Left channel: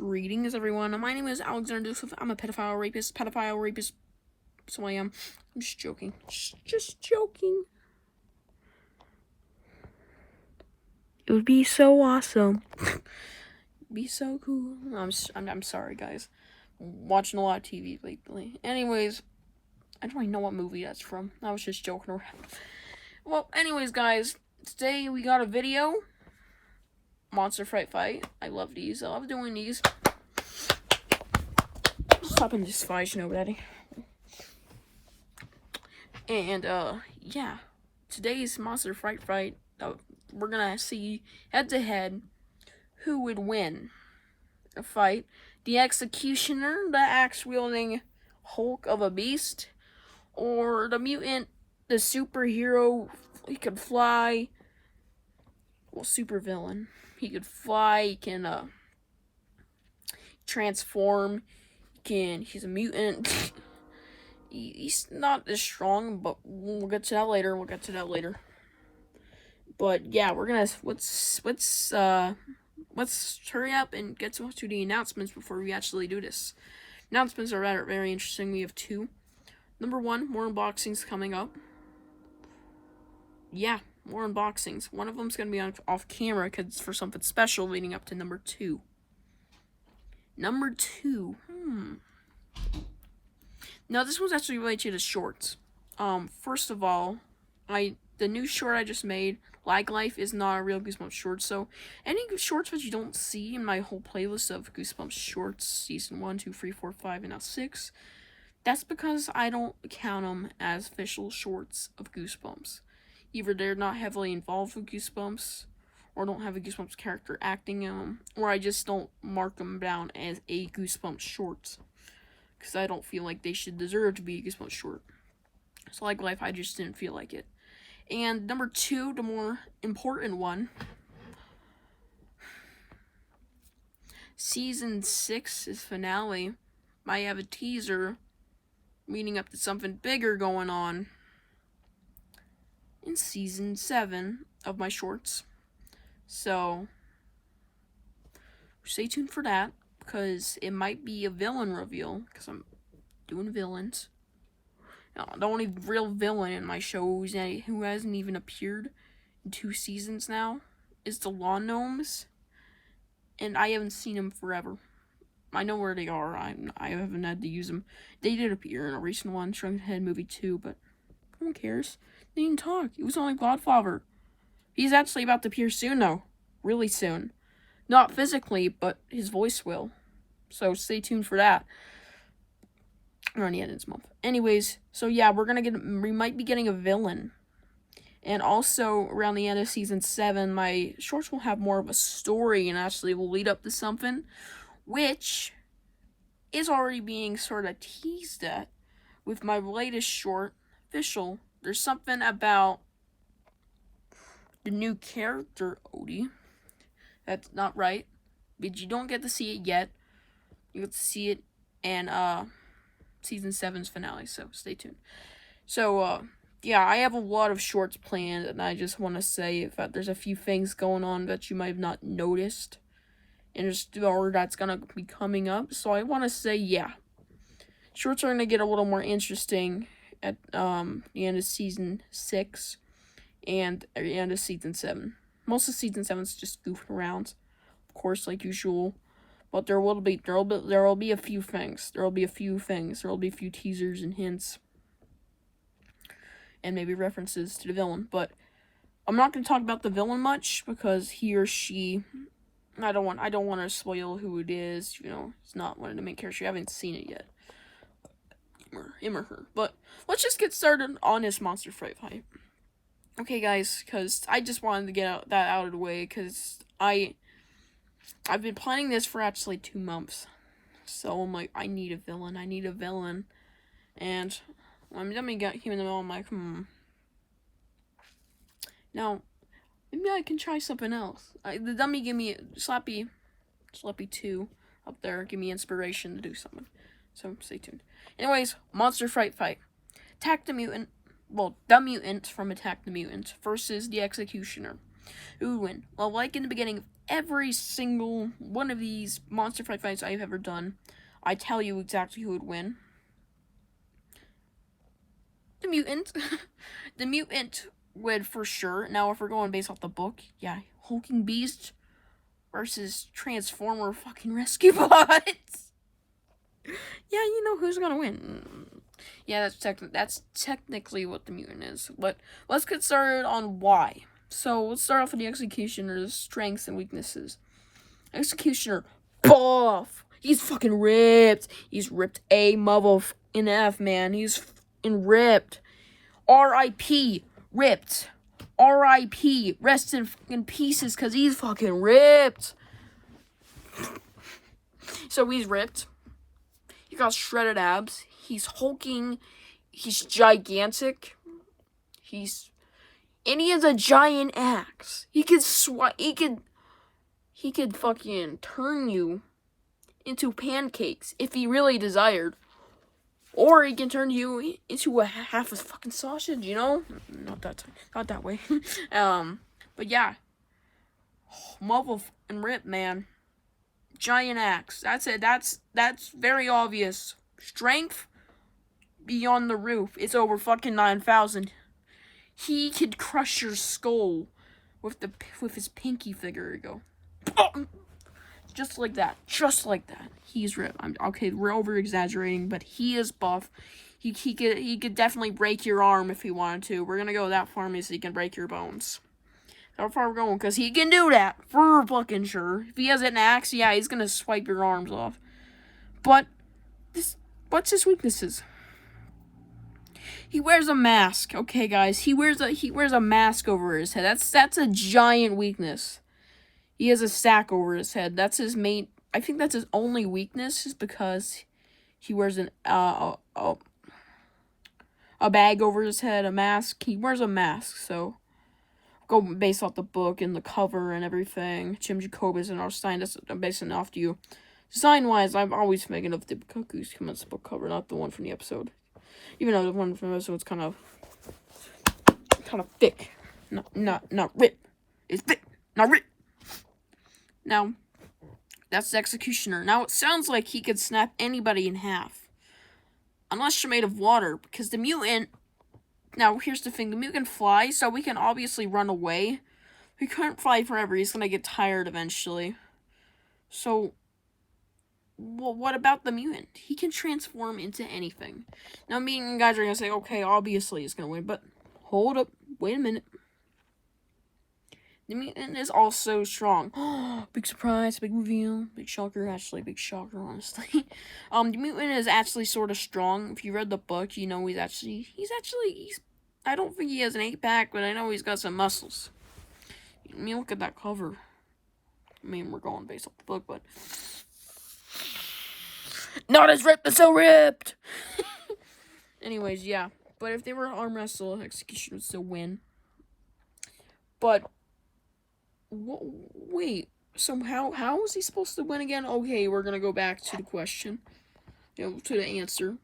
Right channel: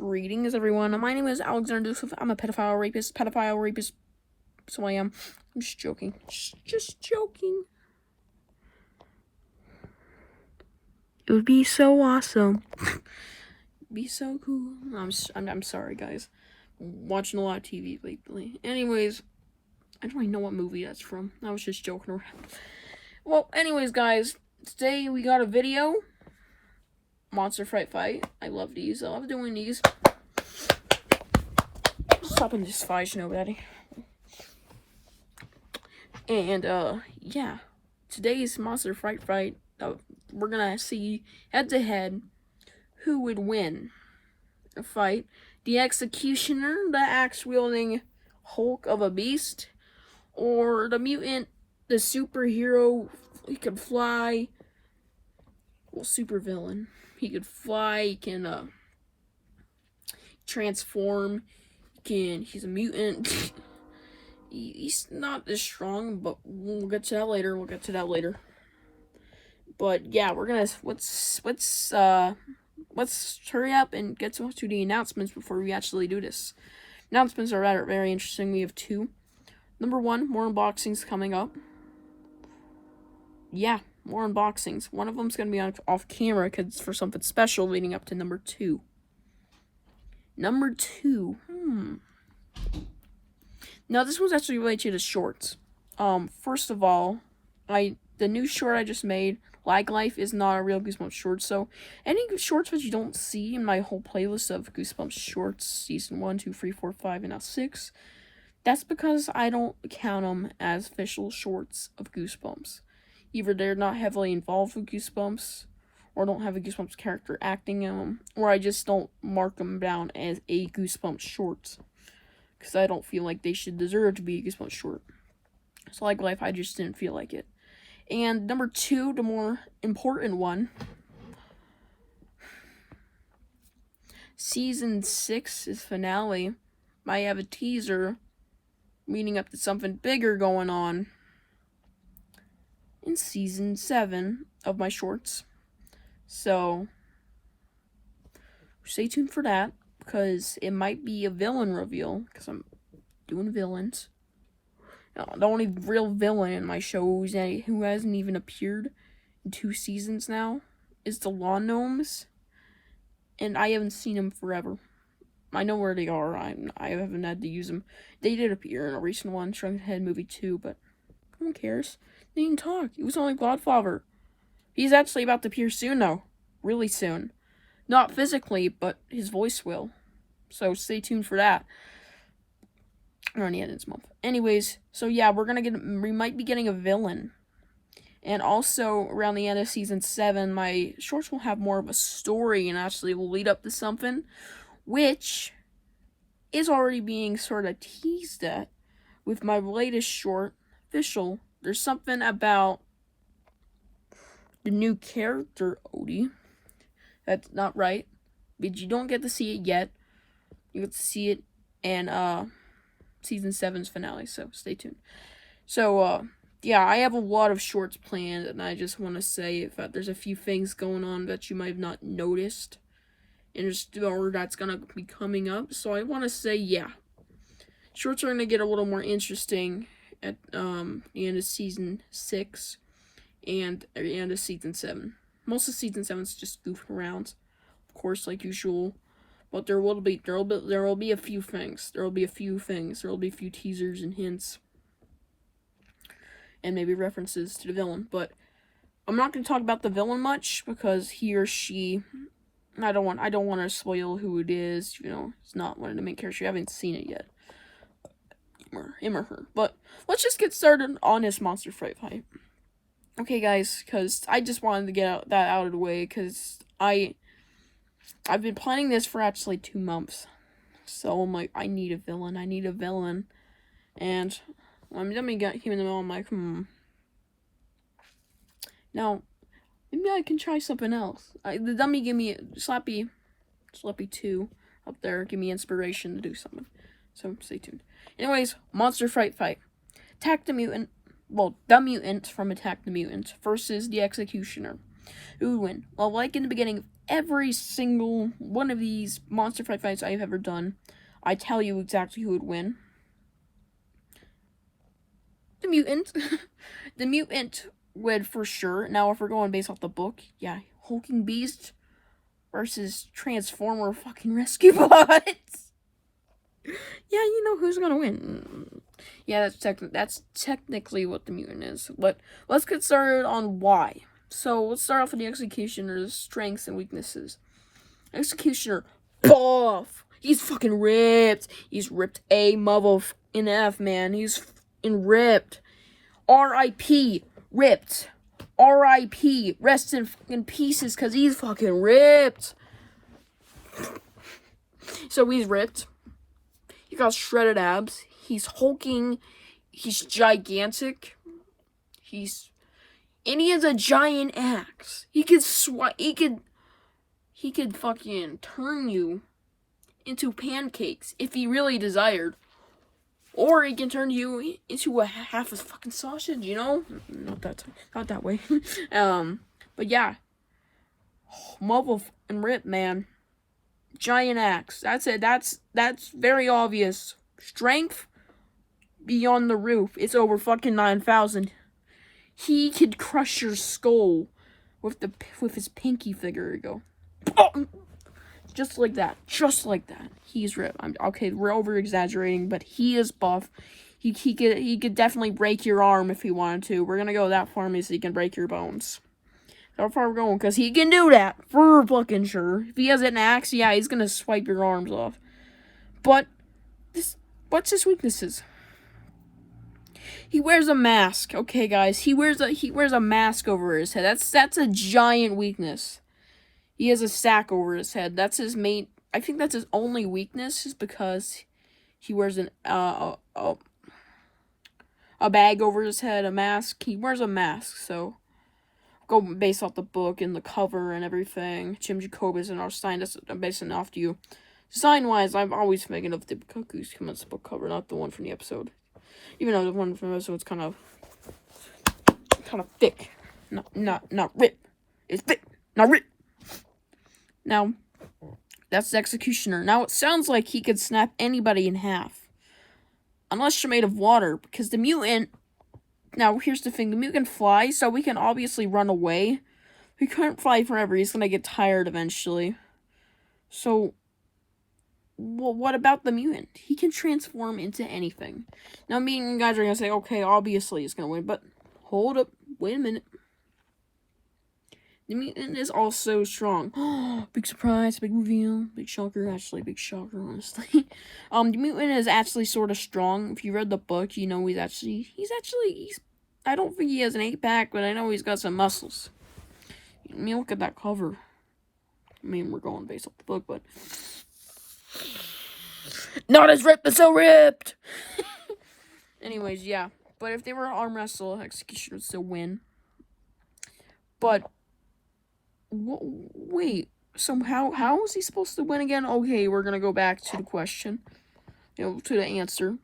Greetings, everyone. My name is Alexander Joseph. I'm a pedophile rapist. So I am. I'm just joking. Just joking. It would be so awesome. Be so cool. I'm sorry, guys. I'm watching a lot of TV lately. Anyways, I don't even know what movie that's from. I was just joking around. Well, anyways, guys, today we got a video. Monster Fright Fight. I love these. I love doing these. Stop in this fight, nobody. And, yeah. Today's Monster Fright Fight, we're gonna see head-to-head who would win a fight. The executioner, the axe-wielding Hulk of a beast, or the mutant, the superhero. He could fly. Well, supervillain. He could fly. He can transform. He's a mutant. He's not as strong, but we'll get to that later. But yeah, we're gonna let's hurry up and get to the announcements before we actually do this. Announcements are very interesting. We have two. Number one, more unboxings coming up. Yeah, more unboxings. One of them's gonna be off camera because it's for something special leading up to number two. Number two. Now this was actually related to the shorts. First of all, the new short I just made, Lag Life, is not a real Goosebumps short. So any shorts that you don't see in my whole playlist of Goosebumps shorts, season 1, 2, 3, 4, 5, and now 6, that's because I don't count them as official shorts of Goosebumps. Either they're not heavily involved with Goosebumps, or don't have a Goosebumps character acting in them, or I just don't mark them down as a Goosebumps short, because I don't feel like they should deserve to be a Goosebumps short. So Like Life, I just didn't feel like it. And number two, the more important one, season 6's finale might have a teaser leading up to something bigger going on in season 7 of my shorts. So stay tuned for that, because it might be a villain reveal, because I'm doing villains. The only real villain in my shows who hasn't even appeared in 2 seasons now is the Lawn Gnomes, and I haven't seen them forever. I know where they are. I haven't had to use them. They did appear in a recent one, Shrunken Head movie 2, but who cares? They didn't talk. He was only Godfather. He's actually about to appear soon, though. Really soon. Not physically, but his voice will. So stay tuned for that. Around the end of this month. Anyways, so yeah, we might be getting a villain. And also, around the end of season 7, my shorts will have more of a story and actually will lead up to something, which is already being sort of teased at with my latest short, Official. There's something about the new character, Odie, that's not right, but you don't get to see it yet. You get to see it in, season 7's finale, so stay tuned. So, yeah, I have a lot of shorts planned, and I just want to say that there's a few things going on that you might have not noticed, or that's gonna be coming up. So I want to say, yeah, shorts are gonna get a little more interesting at the end of season 6 and at the end of season 7. Most of season 7's just goofing around, of course, like usual. But there will be a few things. There will be a few teasers and hints, and maybe references to the villain. But I'm not going to talk about the villain much, because he or she, I don't want to spoil who it is. It's not one of the main characters. You haven't seen it yet, him or her. But let's just get started on this Monster Fright Fight. Okay, guys, because I just wanted to get that out of the way, because I've been planning this for actually 2 months. So I'm like, I need a villain. And I'm dummy got him in the middle. I'm like, Now, maybe I can try something else. The dummy gave me Slappy 2 up there. Give me inspiration to do something. So stay tuned. Anyways, Monster Fright Fight. Attack the Mutant. Well, the Mutant from Attack the Mutant versus the Executioner. Who would win? Well, like in the beginning of every single one of these monster fights I've ever done, I tell you exactly who would win. The mutant. The mutant would for sure. Now, if we're going based off the book, yeah, hulking beast versus Transformer fucking rescue bots. Yeah, you know who's gonna win. Yeah, that's technically what the mutant is. But let's get started on why. So let's start off with the Executioner's strengths and weaknesses. Executioner, buff. He's fucking ripped. He's ripped a mother in F, man. He's fucking ripped. R.I.P. Ripped. R.I.P. Rest in fucking pieces, cause he's fucking ripped. So he's ripped. He got shredded abs. He's hulking. He's gigantic. And he has a giant axe. He could fucking turn you into pancakes if he really desired. Or he can turn you into a half a fucking sausage, you know? Not that way. But yeah. Mobile and rip, man. Giant axe. That's it. That's very obvious. Strength beyond the roof. It's over fucking 9,000. He could crush your skull with his pinky finger. Go. Just like that. Just like that. He's ripped. Okay, we're over exaggerating, but he is buff. He could definitely break your arm if he wanted to. We're gonna go that far, means he can break your bones. How far we're going? Because he can do that for fucking sure. If he has an axe, yeah, he's gonna swipe your arms off. But what's his weaknesses? He wears a mask. Okay, guys, he wears a mask over his head. That's a giant weakness. He has a sack over his head. That's his main. I think that's his only weakness, is because he wears a bag over his head, a mask. He wears a mask, so go based off the book and the cover and everything. Jim Jacobus and our sign that's basing off you. Design-wise, I'm always thinking of the Goosebumps book cover, not the one from the episode. Even though the one from the episode's kind of thick. Not rip. It's thick, not rip. Now, that's the Executioner. Now, it sounds like he could snap anybody in half. Unless you're made of water, because the mutant... Now, here's the thing. The mutant can fly, so we can obviously run away. He can't fly forever. He's going to get tired eventually. So, what about the mutant? He can transform into anything. Now, me and you guys are going to say, okay, obviously he's going to win, but hold up. Wait a minute. The mutant is also strong. Big surprise, big reveal, big shocker. Actually, big shocker, honestly. The mutant is actually sort of strong. If you read the book, you know he's I don't think he has an 8-pack, but I know he's got some muscles. I mean, look at that cover. I mean, we're going based off the book, but not as ripped, but so ripped. Anyways, yeah. But if they were arm wrestle, Executioner would still win. But wait, so how is he supposed to win again? Okay, we're gonna go back to the question, to the answer.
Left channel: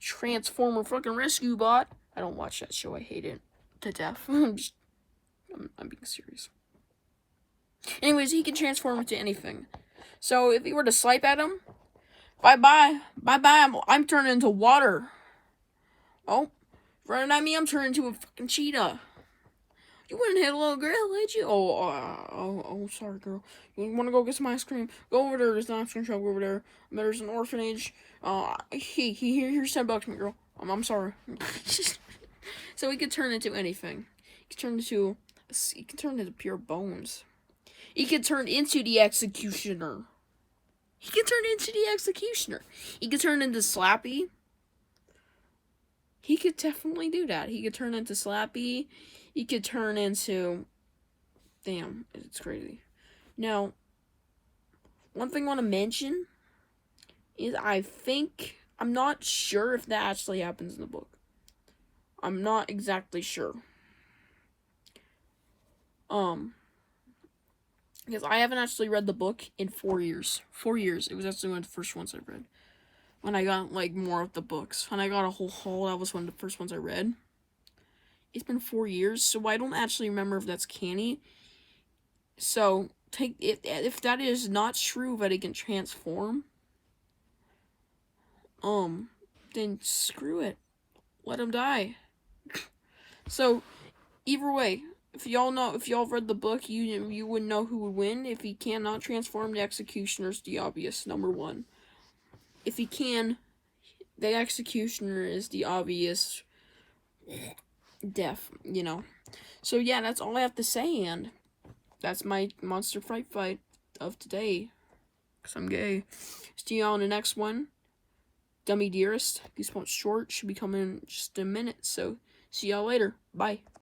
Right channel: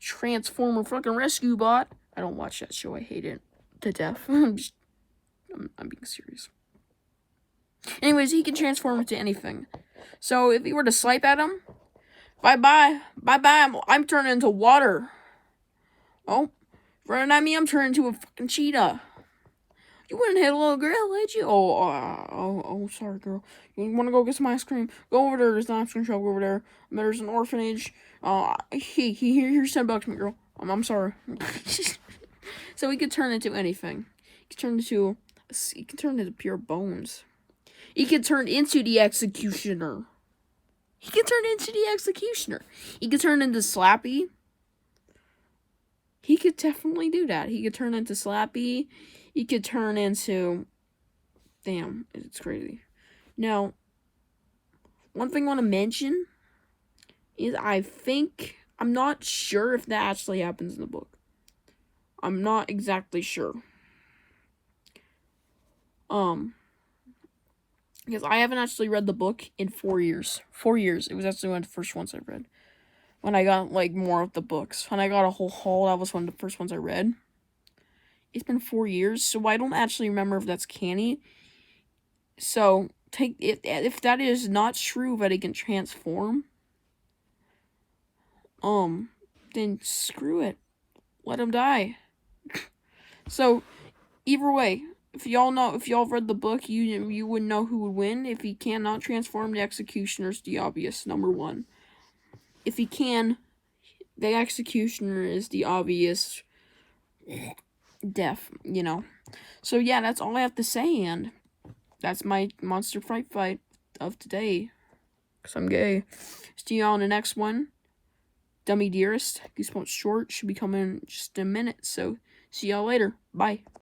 Transformer fucking rescue bot. I don't watch that show. I hate it to death. I'm being serious. Anyways, he can transform into anything. So if he were to swipe at him, bye. I'm turning into water. Oh, running at me, I'm turning into a fucking cheetah. You wouldn't hit a little girl, would you? Oh, sorry, girl. You want to go get some ice cream? Go over there. There's an ice cream shop over there. There's an orphanage. Here's $10, my girl. I'm sorry. So he could turn into anything. He could turn into pure bones. He could turn into the Executioner. He could turn into Slappy. He could definitely do that. He could turn into Slappy. He could turn into... Damn, it's crazy. Now, one thing I want to mention is I'm not sure if that actually happens in the book. I'm not exactly sure. Because I haven't actually read the book in 4 years. 4 years. It was actually one of the first ones I read. When I got, more of the books. When I got a whole haul, that was one of the first ones I read. It's been 4 years, so I don't actually remember if that's canny. So, if that is not true that it can transform, then screw it. Let him die. So, either way, if y'all read the book, you would know who would win. If he cannot transform, the executioner's the obvious number one. If he can, the executioner is the obvious death, you know. So yeah, that's all I have to say, and that's my Monster Fright fight of today. Because I'm gay. See y'all in the next one. Dummy Dearest. Goosebumps short should be coming in just a minute, so see y'all later. Bye.